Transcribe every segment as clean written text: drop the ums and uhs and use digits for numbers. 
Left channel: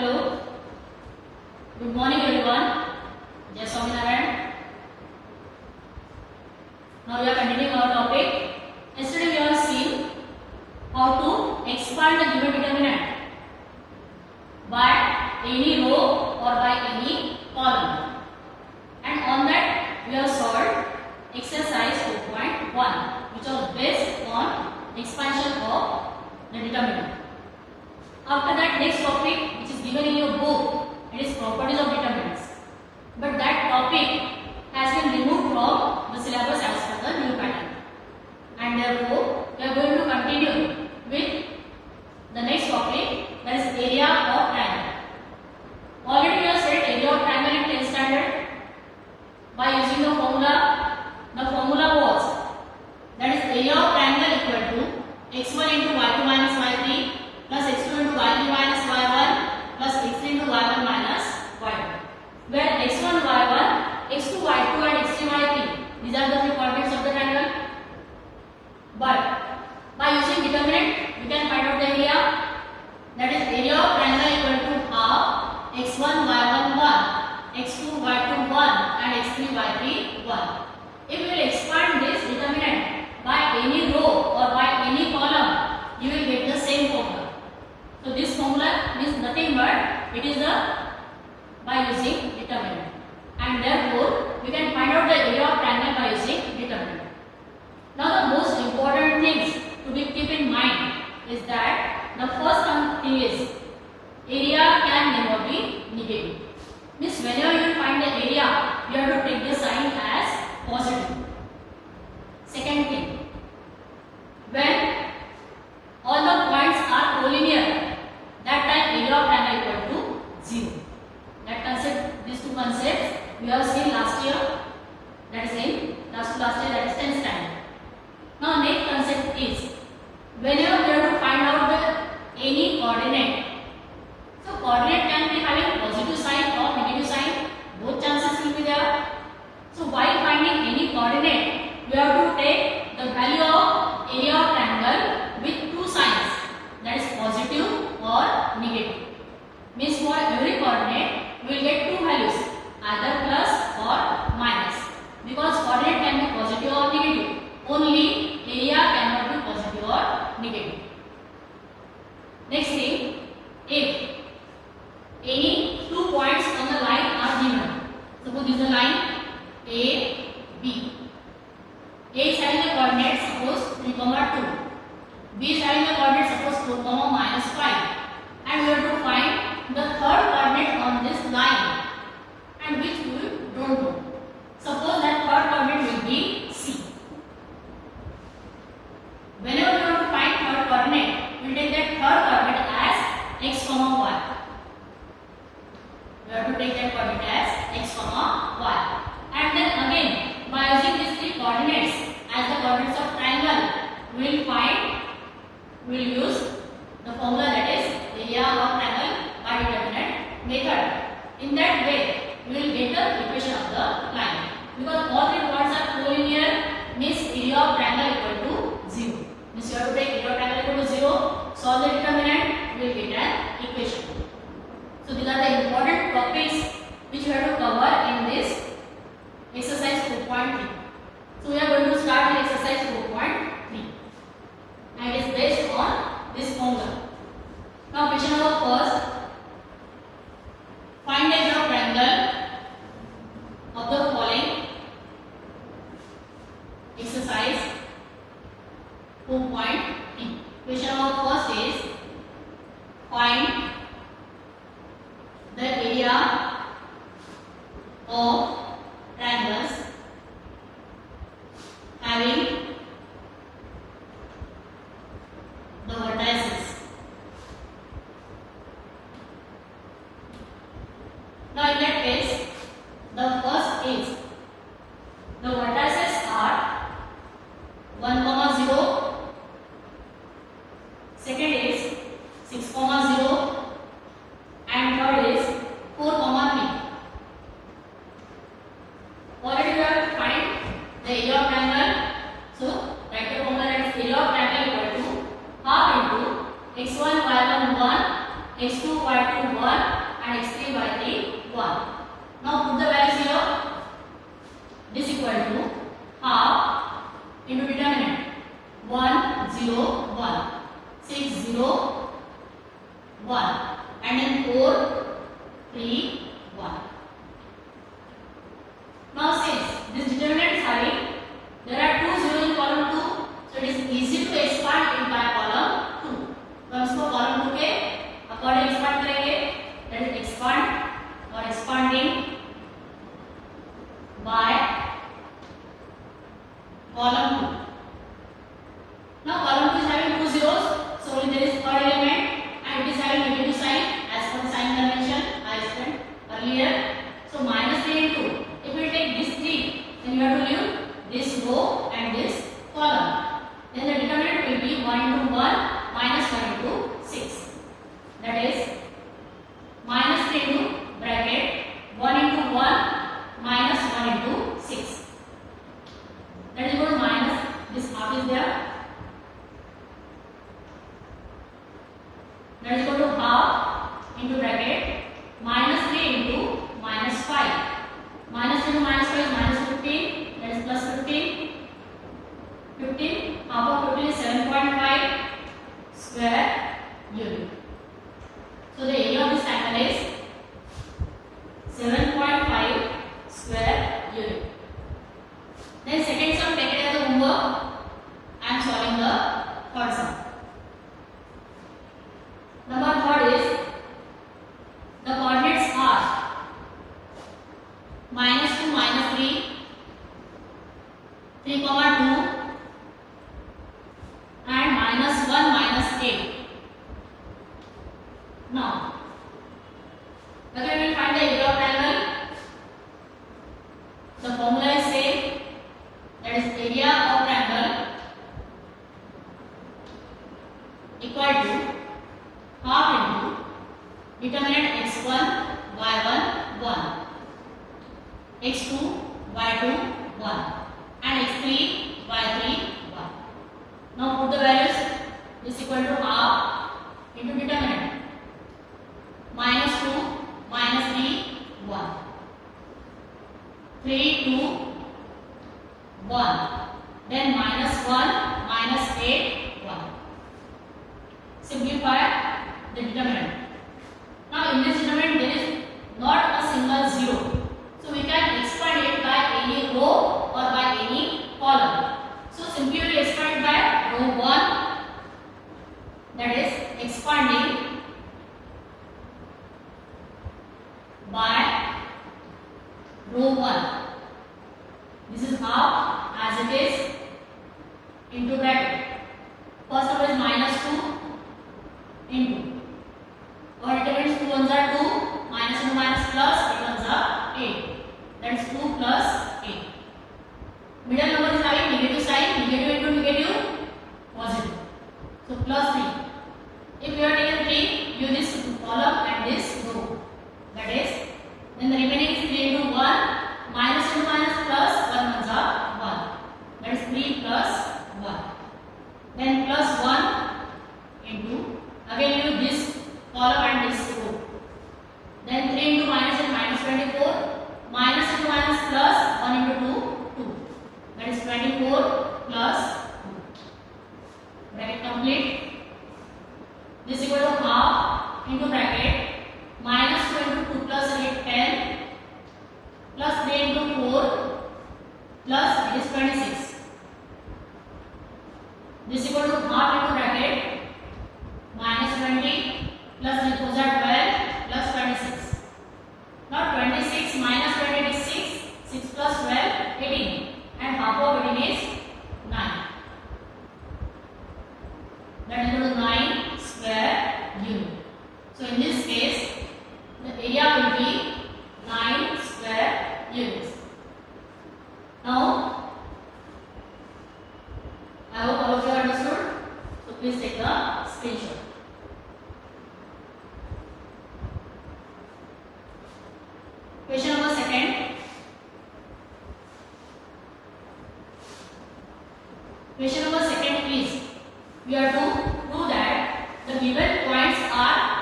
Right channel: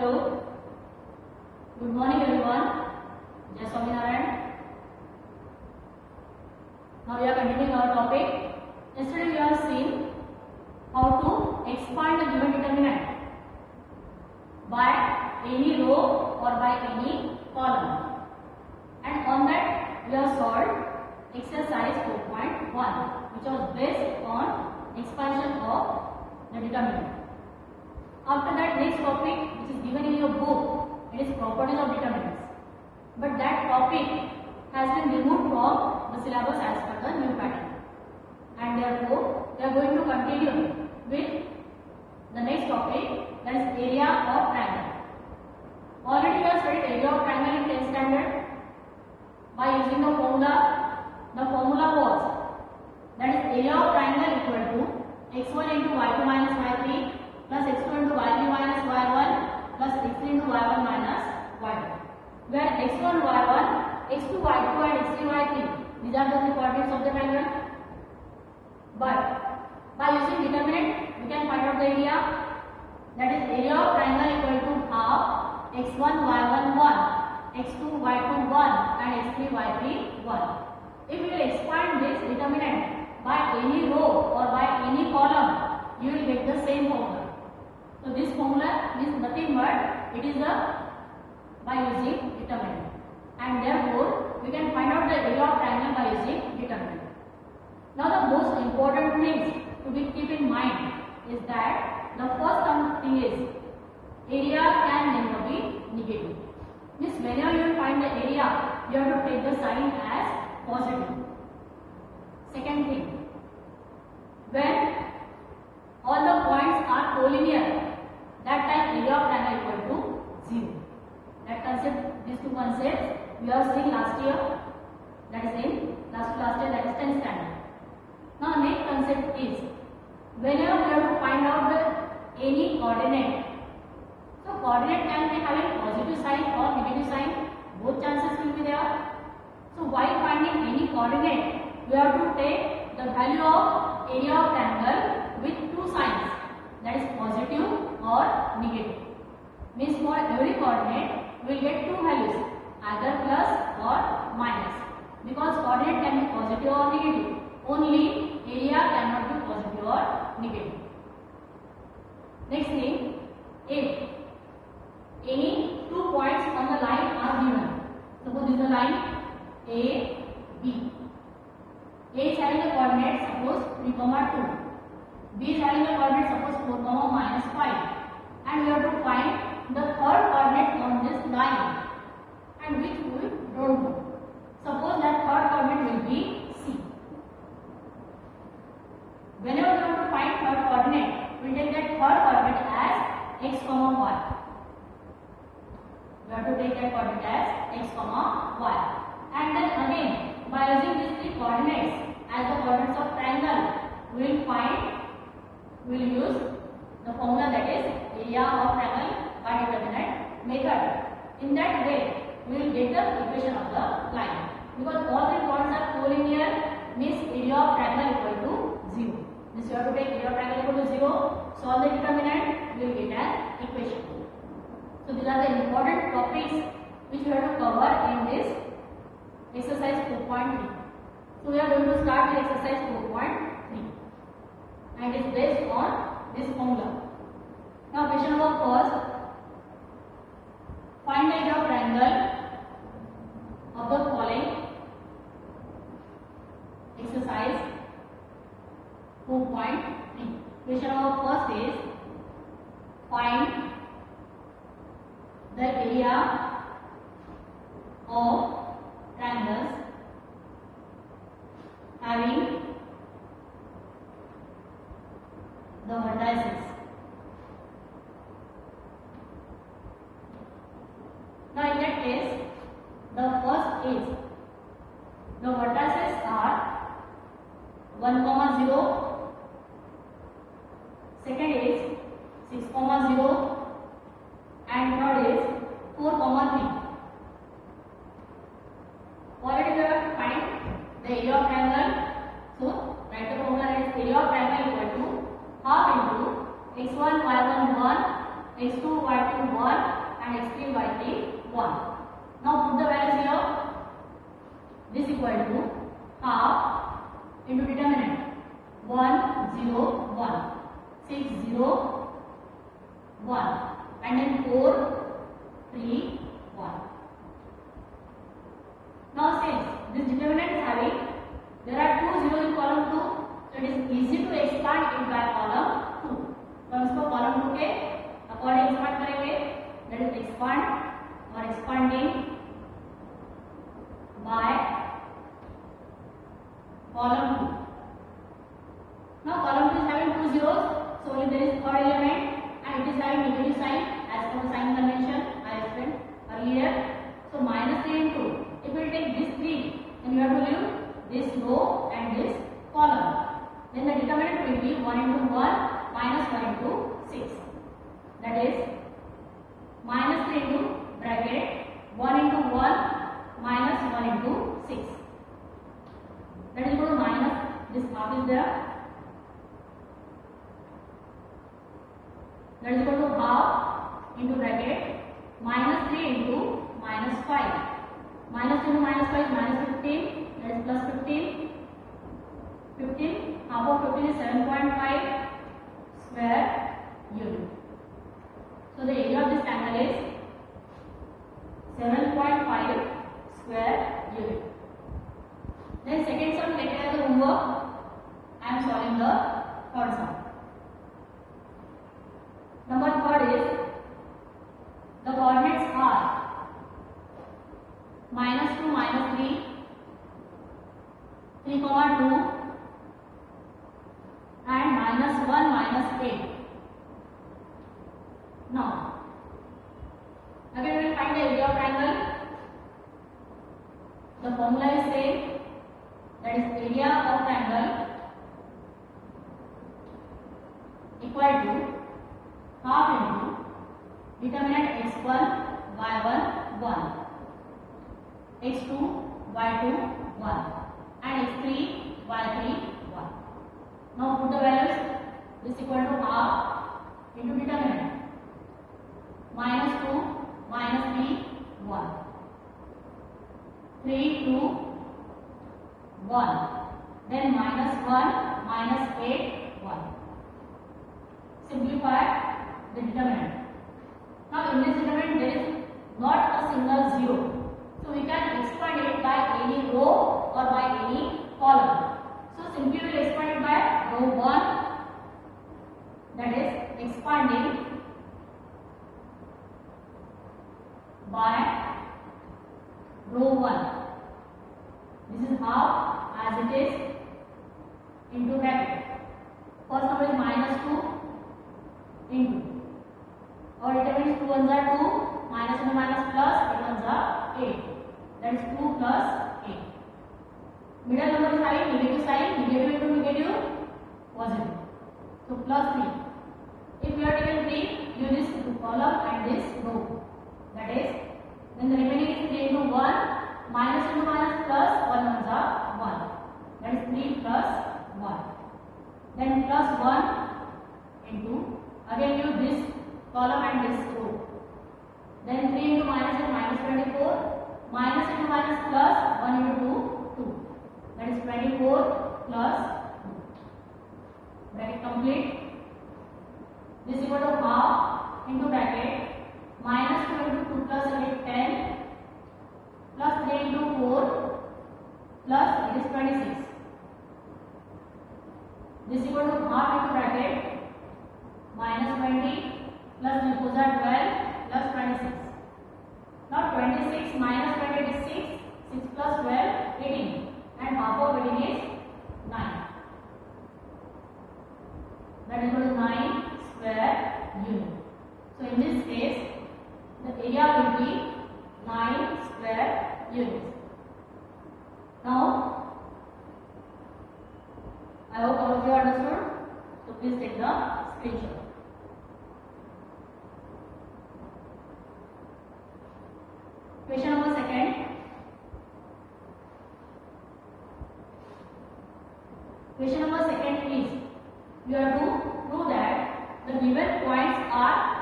Hello. Good morning everyone. Jai Swaminarayan. Now we are continuing our topic. Yesterday we have seen how to expand the given determinant by any row or by any column. And on that we have solved exercise 4.1 which was based on expansion of the determinant. After that, next topic which is given in your book, it is properties of determinants. But that topic has been removed from the syllabus as per the new pattern. And therefore, we are going to continue with the next topic, that is area of triangle. Already we have said area of triangle in 10th standard by using the formula. The formula was that is area of triangle equal to x1 into y2 minus y3 plus x2 into y3 minus y1 plus x3 into y1 minus y2, where x1 y1, x2 y2 and x3 y3 these are the three coordinates of the triangle. But by using determinant we can find out the area, that is area of triangle equal to half x1 y1 1, x2 y2 1 and x3 y3 1. If we will expand this determinant by any row or by any column, you will get the same formula. So this formula is nothing but it is by using determinant, and therefore we can find out the area of triangle by using determinant. Now the most important things to be keep in mind is that the first thing is area can never be negative. Means whenever you find the area, you have to take the sign as positive. Second thing, when all the points are collinear, that time area of triangle equal to 0. That concept, these two concepts we have seen last year, that is in last year, that is 10th standard. Now next concept is whenever we have to find out the any coordinate. So coordinate can be having positive sign or negative sign, both chances will be there. So while finding any coordinate, we have to take the value of area of triangle with two signs, that is positive or negative. Means for every coordinate we will get two values, either plus or minus, because coordinate can be positive or negative. Only area cannot be positive or negative. Next thing, if any two points on the line are given, suppose this is the line A, B. A is having the coordinate suppose 3, 2. B is having the coordinate suppose 4, minus 5. And we have to find the third coordinate on this line, and which we don't know. Suppose that third coordinate will be C. Whenever we want to find third coordinate, we will take that third coordinate as x, y. We have to take that coordinate as x, y. And then again, by using these three coordinates as the coordinates of triangle, we will use the formula, that is area of triangle by determinant method. In that way, we will get the equation of the line, because all three points are collinear, means area of triangle equal to 0. Means you have to take area of triangle equal to 0, solve the determinant, we will get an equation. So these are the important topics which we have to cover in this exercise 4.3. So we are going to start with exercise 4.3, and it is based on this formula. Now question number first, find the area of triangle of the following exercise 4.3. Question number first is find the area of triangles having the vertices. Now in that case, the first is the vertices are 1, 0, second is 6, 0, and third is 4, 3. Already we have to find the area of triangle. So write the formula, that is area of triangle equal to half into x1 y1 1, x2 y2 1 and x3 y3 1. Now put the values here. This equal to half into determinant 1 0 1 6 0 1 and then 4 3 1. Now since this determinant is having, there are 2 zeros in column 2, so it is easy to expand it by column 2. तो हम इसको column 2 के according expand करेंगे, that is expand or expanding by column 2. Now column 2 is having 2 zeros, so only there is third element and it is having negative sign as per the sign convention I explained earlier. So minus 3 into, if we take this 3, then you have to leave this row and this column. Then the determinant will be 1 into 1 minus 1 into 6. That is minus 3 into bracket 1 into 1 minus 1 into 6. That is equal to minus, this half is there. That is equal to half into bracket minus 3 into minus 5. Minus 3 into minus 5 is minus 15. That is plus 15. 15. Half of 15 is 7.5 square unit. So the area of this triangle is 7.5 square unit. Then second sum, take it as a homework. I am solving the third sum. Number third is the coordinates are minus 2 minus 3, 3 comma 2 and minus 1 minus 8. Now again we will find the area of triangle. The formula is same, that is area of triangle equal to half into determinant x1 y1 1, x2 y2 1 and x3 y3 1. Now put the values. This equal to half into determinant minus 2 minus 3 1, 3 2 1, then minus 1 minus 8 1. Simplify the determinant. Now in this determinant there is not a single zero, so we can expand it by any row or by any column. So simply we will expand it by row 1, that is expanding by row 1. This is half as it is into bracket. First number is minus 2 into, or determinants 2 ones are 2, minus into minus plus, 8 ones are 8. That is 2 plus 8. Middle number is having negative sign, negative into negative, positive. So plus 3. If you are taking 3, use this column and this row. That is, then the remaining is 3 into 1, minus into minus plus, 1 ones are 1. That is 3 plus 1. Then plus 1 into, again use this column and this row. Then 3 into minus and minus 24, minus into minus plus 1 into 2, 2. That is 24 plus 2. Bracket complete. This equal to half into bracket minus 2 into 2 plus 8 10 plus 3 into 4 plus it is 26. This equal to half into bracket minus 20 plus 3 4s are 12 plus 26. Now 26 minus 20 is 6, 6 plus 12 18 and half of 18 is 9. That is equal to 9 square unit. So in this case the area will be 9 square units. Now I hope all of you understood. So please take the screenshot. Question number second. Question number second is, we are to prove that the given points are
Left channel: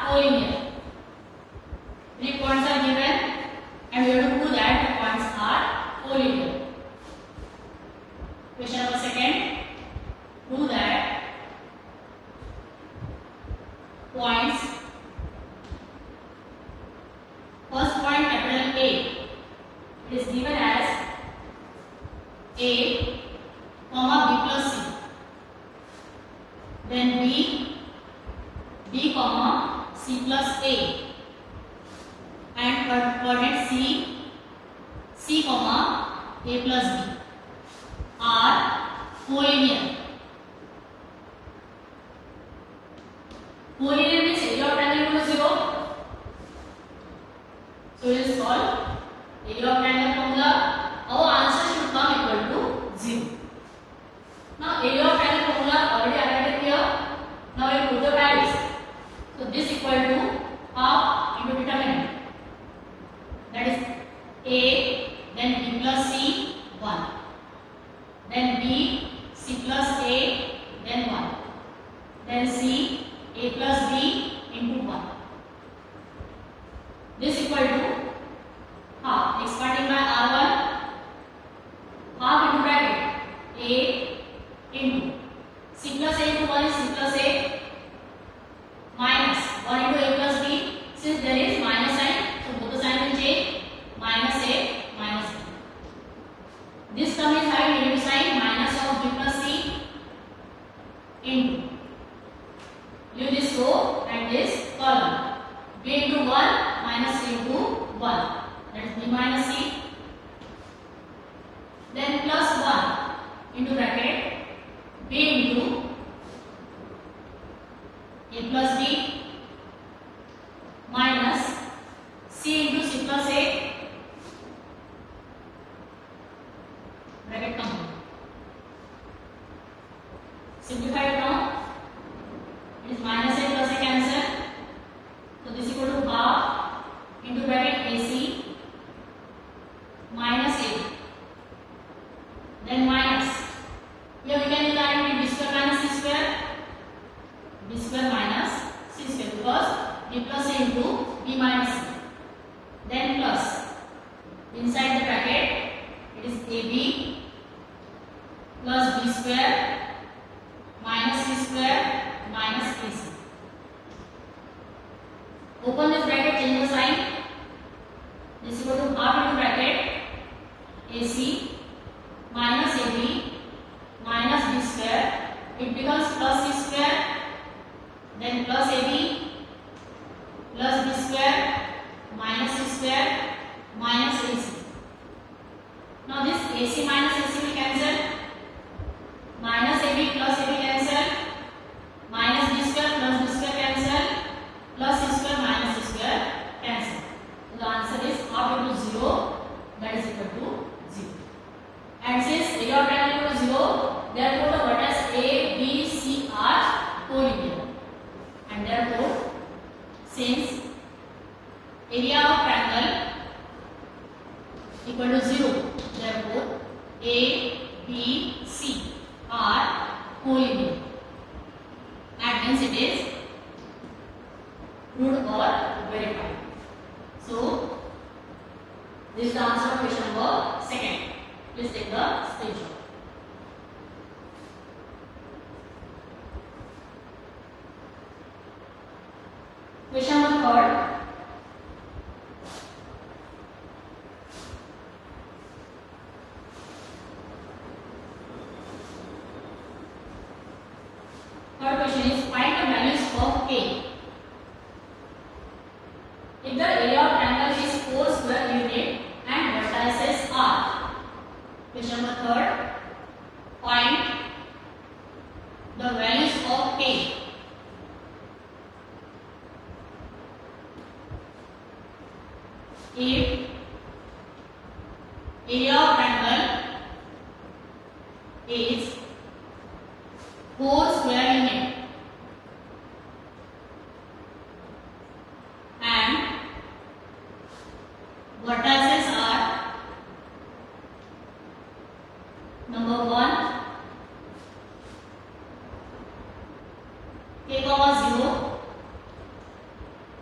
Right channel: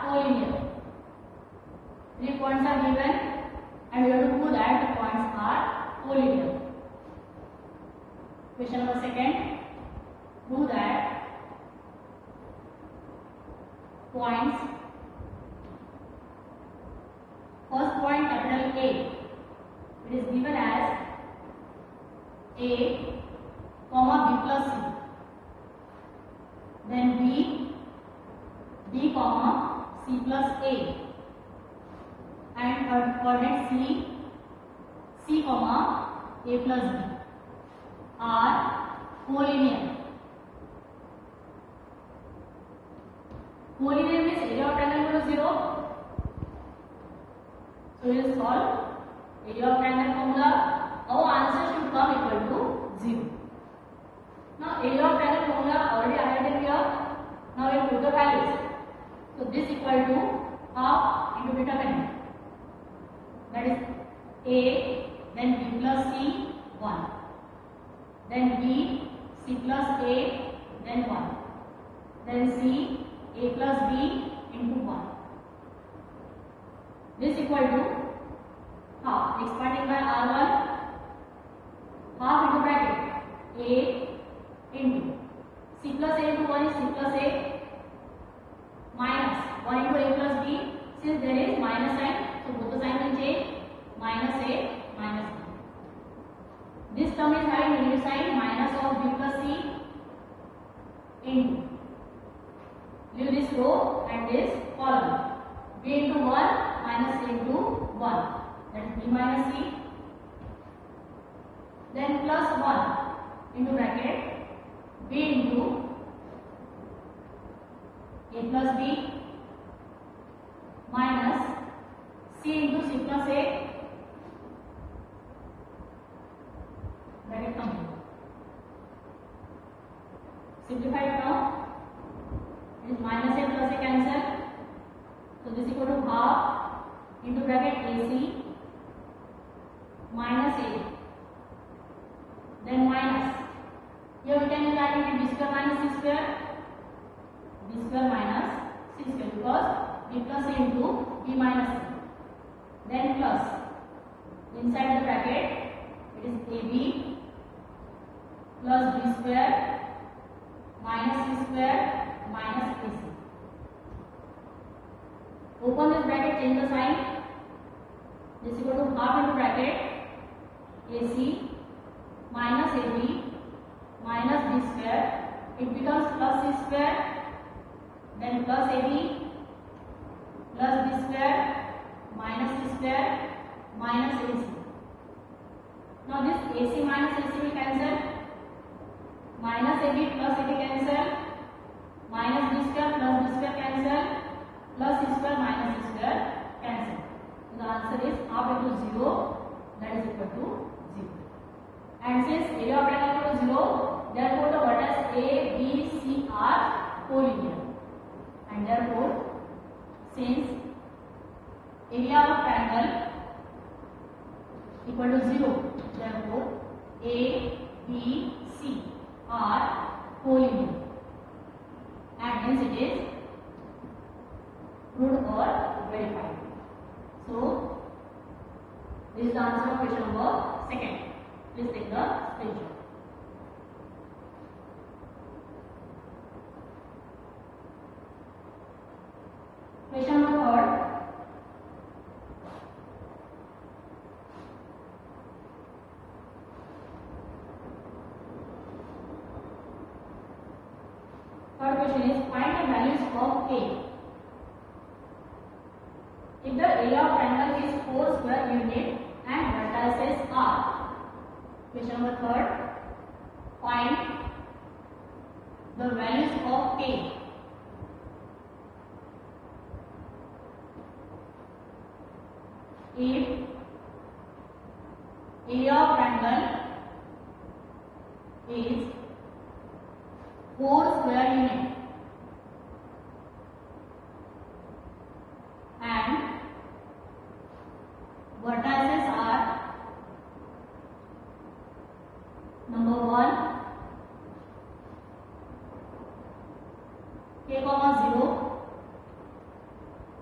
collinear. 3 points are given and we have to prove that the points are collinear. Question number second, prove that points, first point capital A, it is given as A comma B plus C, then B comma C plus A, and coordinate C comma A plus B are collinear. Collinear means area of triangle equal to 0. So we will solve area of triangle formula. Our answer should come equal to 0. Now area of triangle formula already highlighted here. Now we put the values. So this equal to half into determinant. That is A, then B plus C, 1. Then B, C plus A, then 1. Then C, A plus B into 1. This equal to half. Expanding by R1, half into bracket A into C plus A into 1 is C plus A minus 1 into A plus B. Since there is minus sign, so both the sign will change. Minus A minus B. This term is having negative sign, minus of B plus C into, leave this row and this column, B into 1 minus C into 1, that is B minus C, then plus 1 into bracket B into A plus B minus C into C plus A, bracket complete. Simplify it now. It is minus A plus A cancel. So this equal to half into bracket AC minus A. Then minus. Here we can use identity B square minus C square. B square minus C square because B plus A into B minus C. Then plus. Inside the bracket it is AB plus B square minus C square minus AC. Open this bracket, change the sign. This equal to half into bracket AC minus AB minus B square. It becomes plus C square, then plus AB plus B square minus C square minus AC. Now this AC minus AC will cancel. Minus AB plus AB cancel. Minus B square plus B square cancel. Plus C square minus C square cancel. So the answer is half into 0, that is equal to 0. And since area of triangle equal to 0, therefore the vertices A, B, C are collinear. And therefore, since area of triangle equal to 0, therefore A, B, C are collinear. And hence it is proved or verified. So, this is the answer of question number second. Please take the screenshot. Question number third. Third question is find the values of K. If the area of triangle is 4 square unit and vertices are. Question number third. Find the values of K. If area of triangle is 4 square unit and vertices are number 1 K comma 0,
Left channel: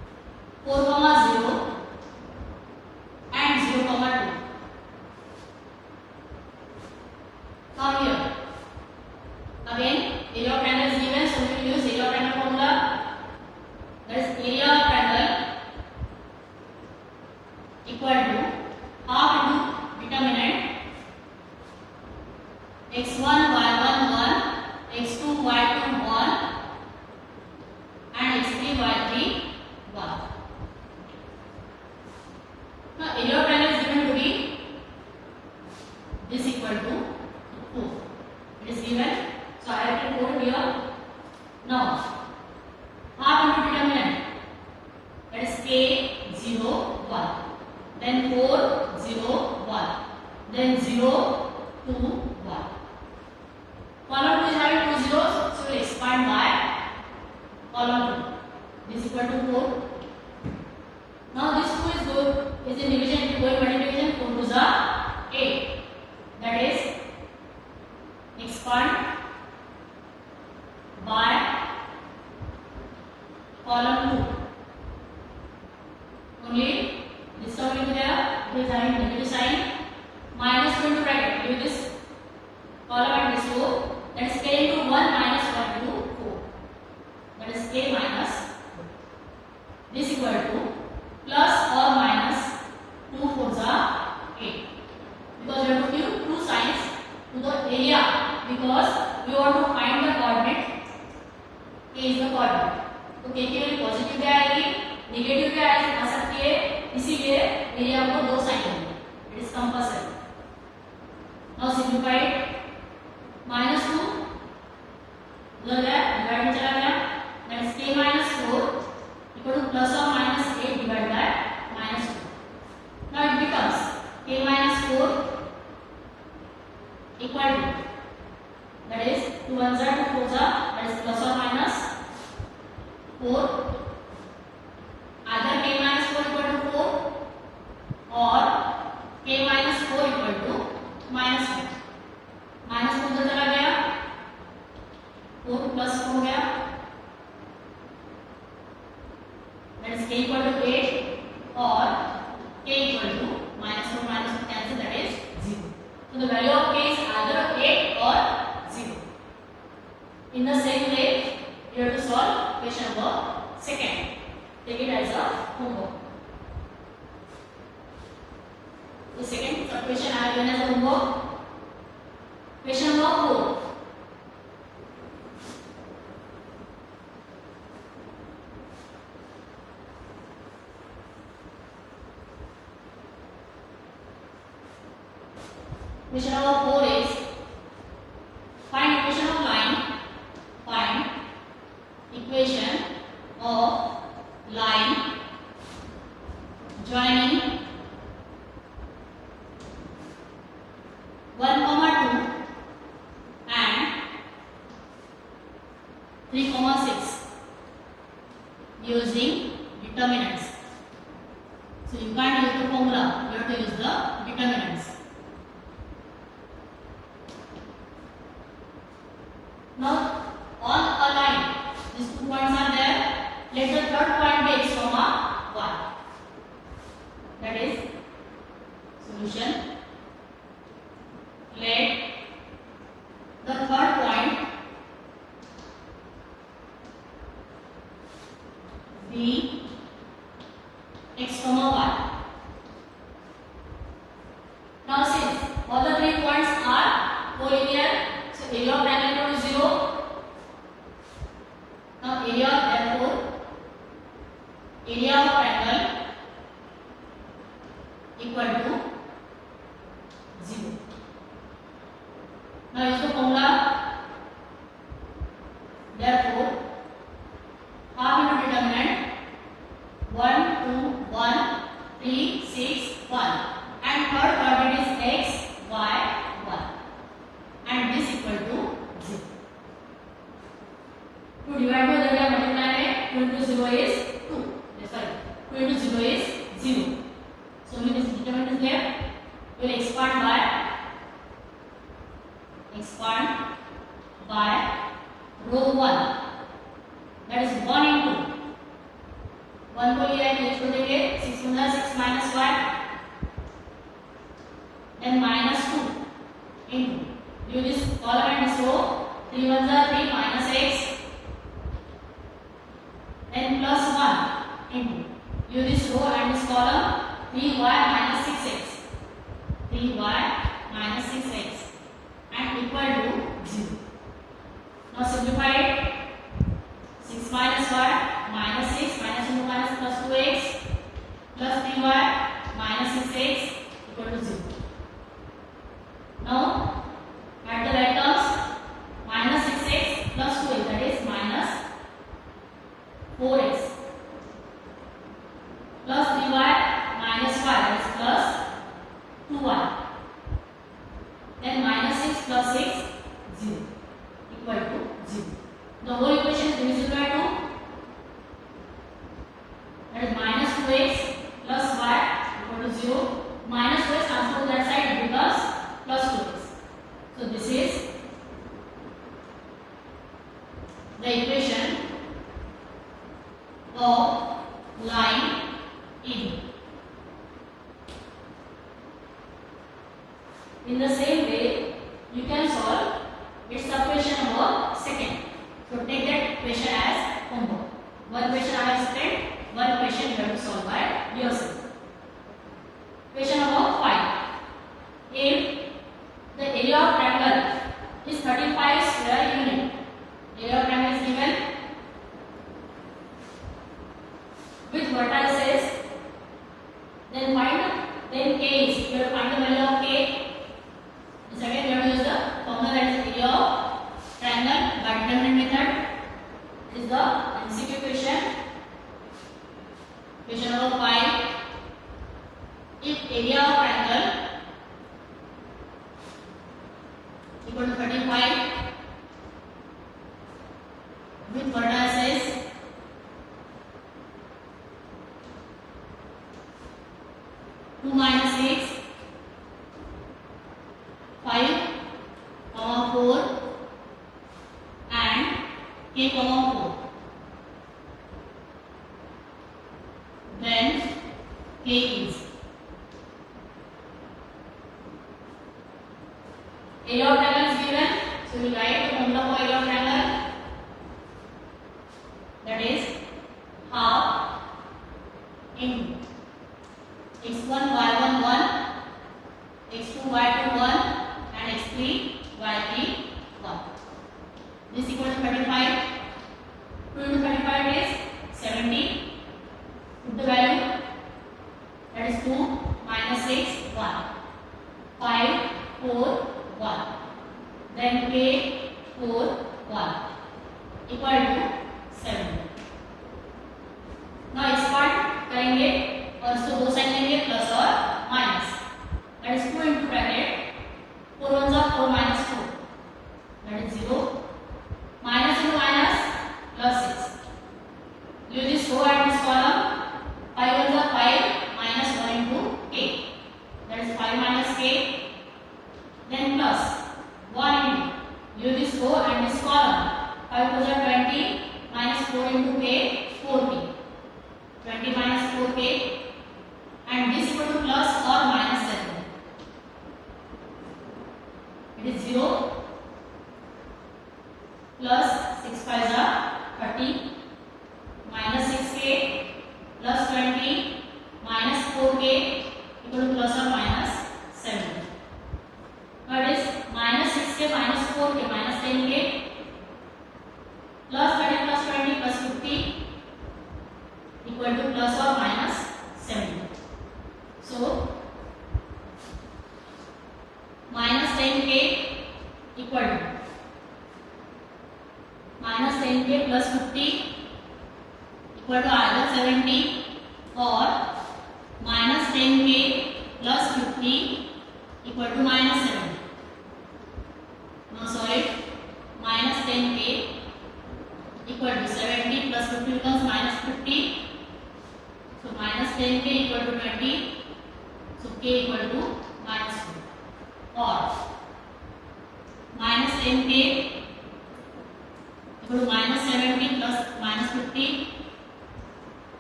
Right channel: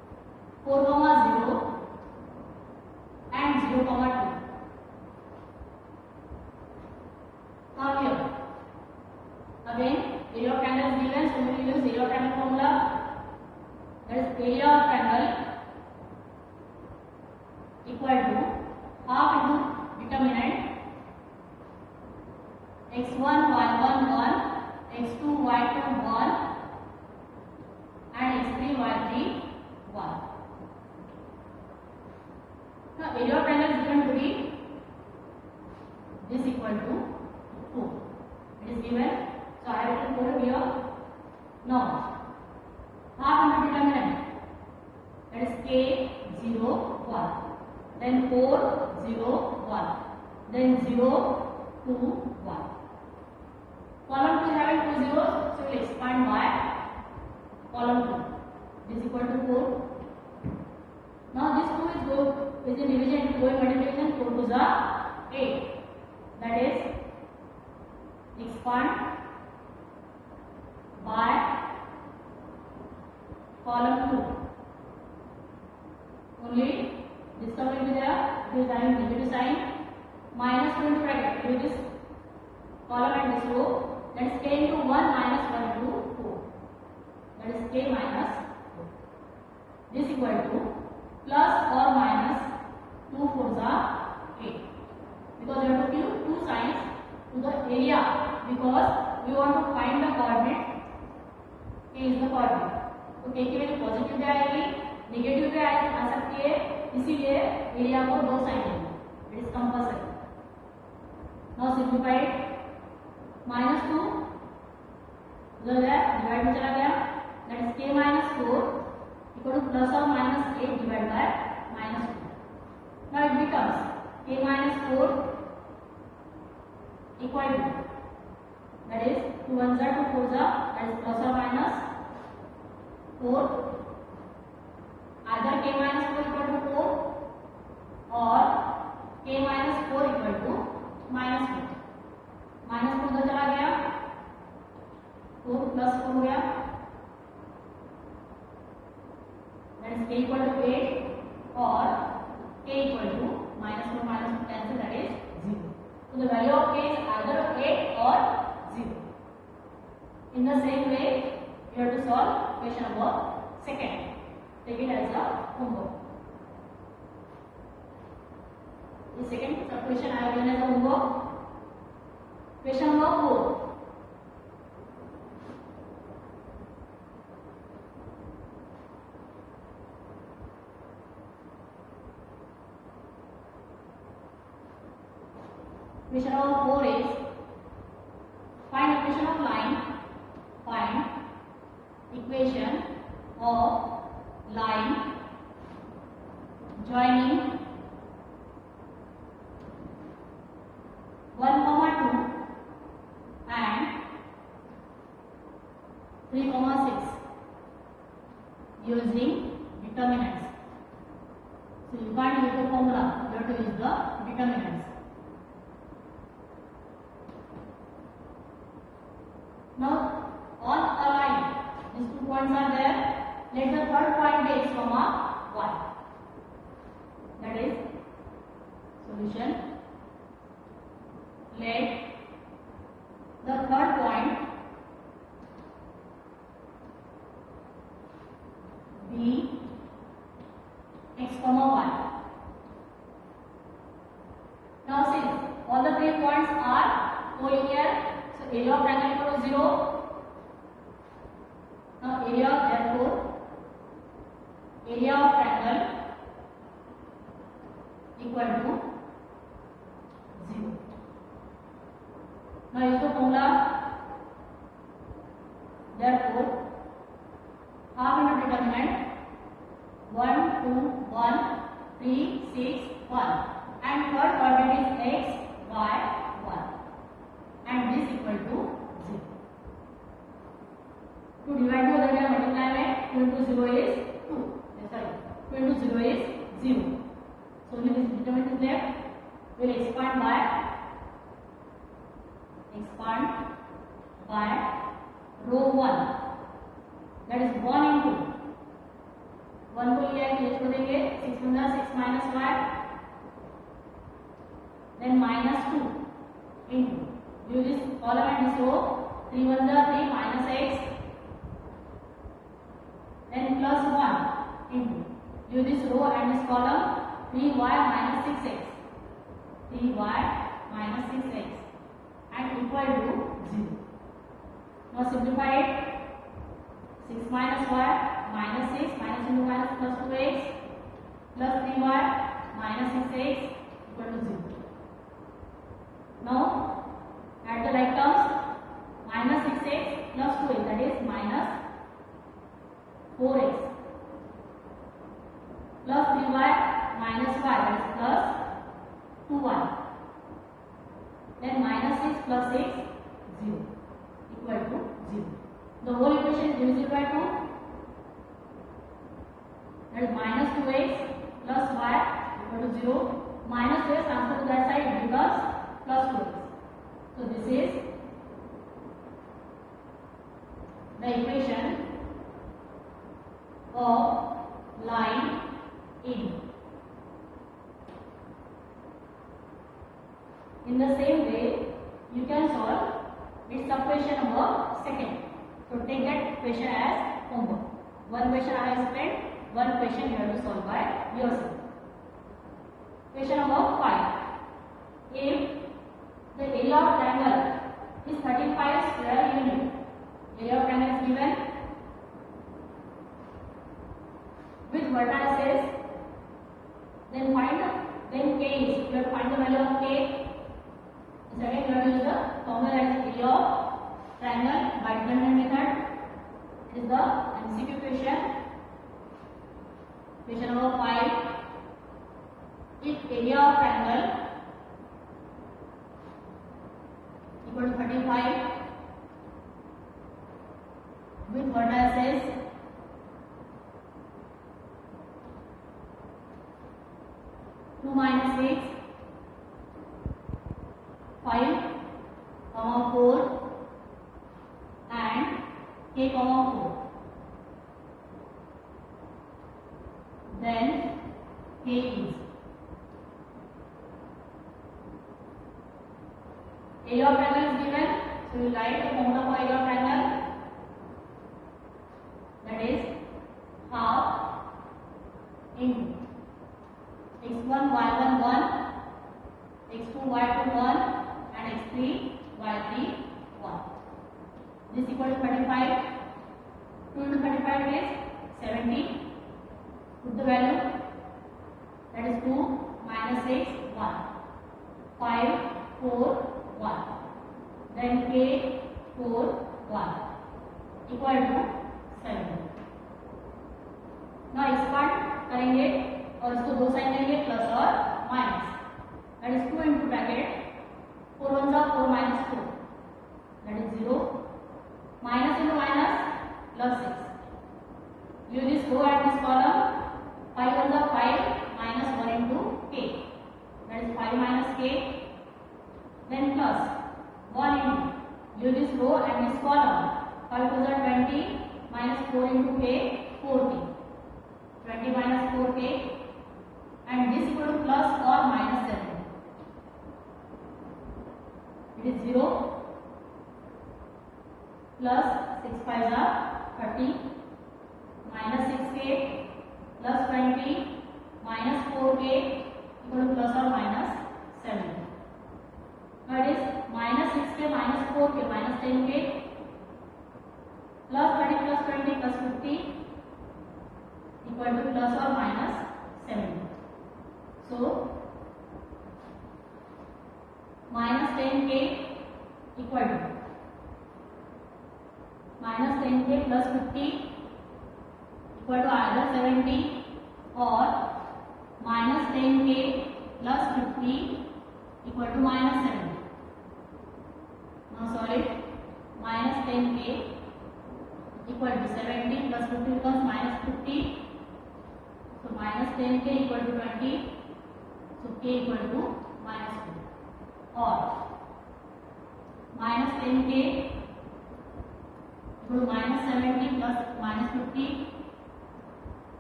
4 comma 0 and 0 comma 2. Come here. Again, area of triangle is given, so we will use area of triangle formula. That is area of triangle equal to half into determinant x1 y1 1, x2 y2 1 and x3 y3 1. Now area of triangle is given to be this equal to 4. It is given, so I have written 4 here. Now half into determinant, that is k 0 1, then 4 0 1, then 0 2 1. Column 2 is having 2 zeros, so we will expand by column 2. This is equal to 4. Now this 2 is in division, it will go in multiplication. 4 2s are 8. That is expand by column 2. Only this term will be there. It is having negative sign. Minus 2 into bracket. Give this column and this row. That is k into 1 minus 1 into 4. That is k minus 4. This equal to plus or minus 2 4s are 8. Because we have to give two signs to the area, because we want to find the coordinate. K is the coordinate. तो k की value positive भी आएगी, negative भी आ सकती है, इसीलिए area को दो साइन देंगे. It is compulsory. Now simplified. -2 उधर गया, डिवाइड में चला गया. That is k - 4 equal two plus और minus 8 divide by -2. Now it becomes k - 4 equal to, that is 2 1s are 2 4s are, that is plus or minus 4. either k - 4 equal to 4 or k - 4 equal to -1. -2 उधर चला गया, 4 plus 4 हो गया, that is k equal to 8 or k equal to -4 cancel, that is 0. So the value of k is either 8 or 0. In the same way, you have to solve question number 2. Take it as a homework. The second question I have given as a homework. Question number 4. Question number 4 is find equation of line. Find equation of line joining 1, 2 and 3, 6 using determinants. So you can't use the formula, you have to use the determinants. Now on a line, these 2 points are there. Let the third point be x, 1. That is solution. Let the third point be x, 1. Now since all the 3 points are collinear, so area of triangle equal to 0. Now area, therefore area of triangle equal to 0. Now use the formula. Therefore half into determinant 1 2 1 3 6 1 and third coordinate is x y 1 and this equal to 0. To divide by the multiply में 2 into 0 is 2. Sorry, 2 into 0 is 0. So when this determinant is there, we will expand by row 1. That is 1 into 1 को लिया है तो इसको देंगे 6 1 6 minus y, then minus 2 into do this column and this row, 3 1 3 minus x, then plus 1 into do this row and this column, 3y minus 6x, 3y minus 6x and equal to 0. Now simplify it. 6 minus y minus 6 minus 2 minus plus 2x plus 3y minus 6x equal to 0. Now add the right terms. Minus 6x plus 2x, that is minus 4x, plus 3y minus 5, that is plus 2y, then minus 6 plus 6 0 equal to 0. The whole equation is divisible by 2, that is minus 2x plus y equal to 0. Minus 2x transfer to that side, it becomes plus 2x. So this is the equation of line AB. In the same way, you can solve its subquestion number second. So take that question as homework. One question I have explained, one question you have to solve by yourself. Question number 5. If the area of triangle is 35 square unit, area of triangle is given with vertices, then k is, you have to find the value of k. Second, we have to use the formula, that is area of triangle by determinant method. This is the MCQ question. Question number 5. If area of triangle equal to 35 with vertices, two minus 6, 5, 4 and k, 4. Then k is area of triangle is given, so we write the formula for area of triangle, that is half into x1 y1 1, x2 y2 1 and x3 y3 1. This equal to 35. 2 into 35 is 70. Put the value, that is 2 minus 6 1, 5 4 1, then k 4 1 equal to 70. Now इस part करेंगे और इसको दो side लेंगे plus और minus, that is 2 into bracket 4 1 4 minus 4, that is 0, minus into minus plus 6. Use this row and this column, 5 1 5 minus 1 into k, that is 5 minus k, then plus 1 into, use this row and this column, 5 2 20 minus 4 into k, 4k, 20 minus 4k, and this equal to plus or minus 7. It is 0 plus 6 5 30 minus 6k plus 20 minus 4k equal to plus or minus 7. Now it is minus 6k minus 4k minus 10k plus 30 plus 20 plus 50 equal to plus or minus 70. So minus 10k equal to minus 10k plus 50 equal to either 70 or minus 10k plus 50 equal to minus 70. Now solve it. Minus 10k equal to 70 plus 50 becomes minus 50. So minus 10k equal to 20. So k equal to minus 2. Or minus 10k equal to minus 70 plus minus 50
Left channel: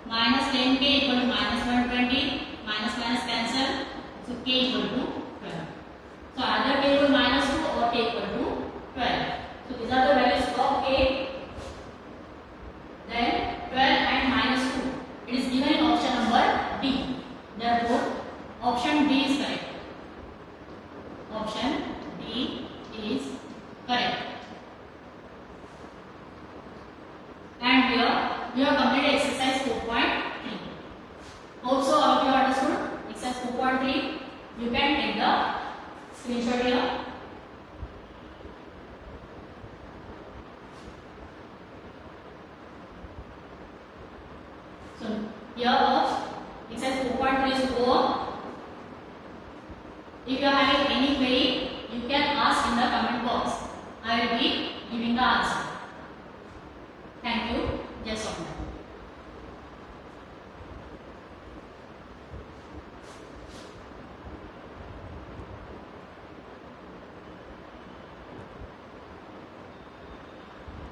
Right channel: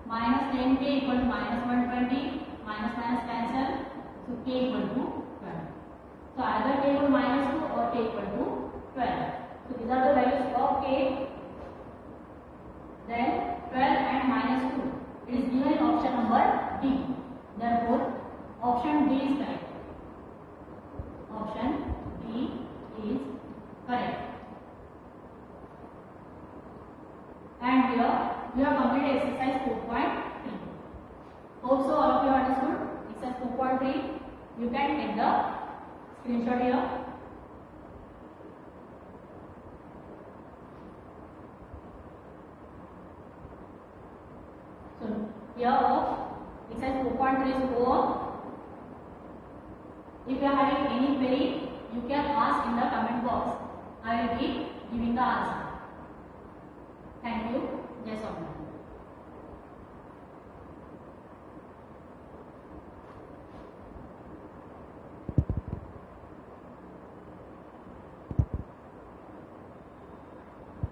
minus 10k equal to minus 120, minus minus cancel, so k equal to 12. So either k equal to minus 2 or k equal to 12. So these are the values of k. Then 12 and minus 2. It is given in option number D. Therefore, option D is correct. Option D is correct. And here we have completed exercise 4.3. Hope so all of you understood exercise 4.3. You can take the screenshot here. So here exercise 4.3 is over. If you are having any query, you can ask in the comment box. I will be giving the answer.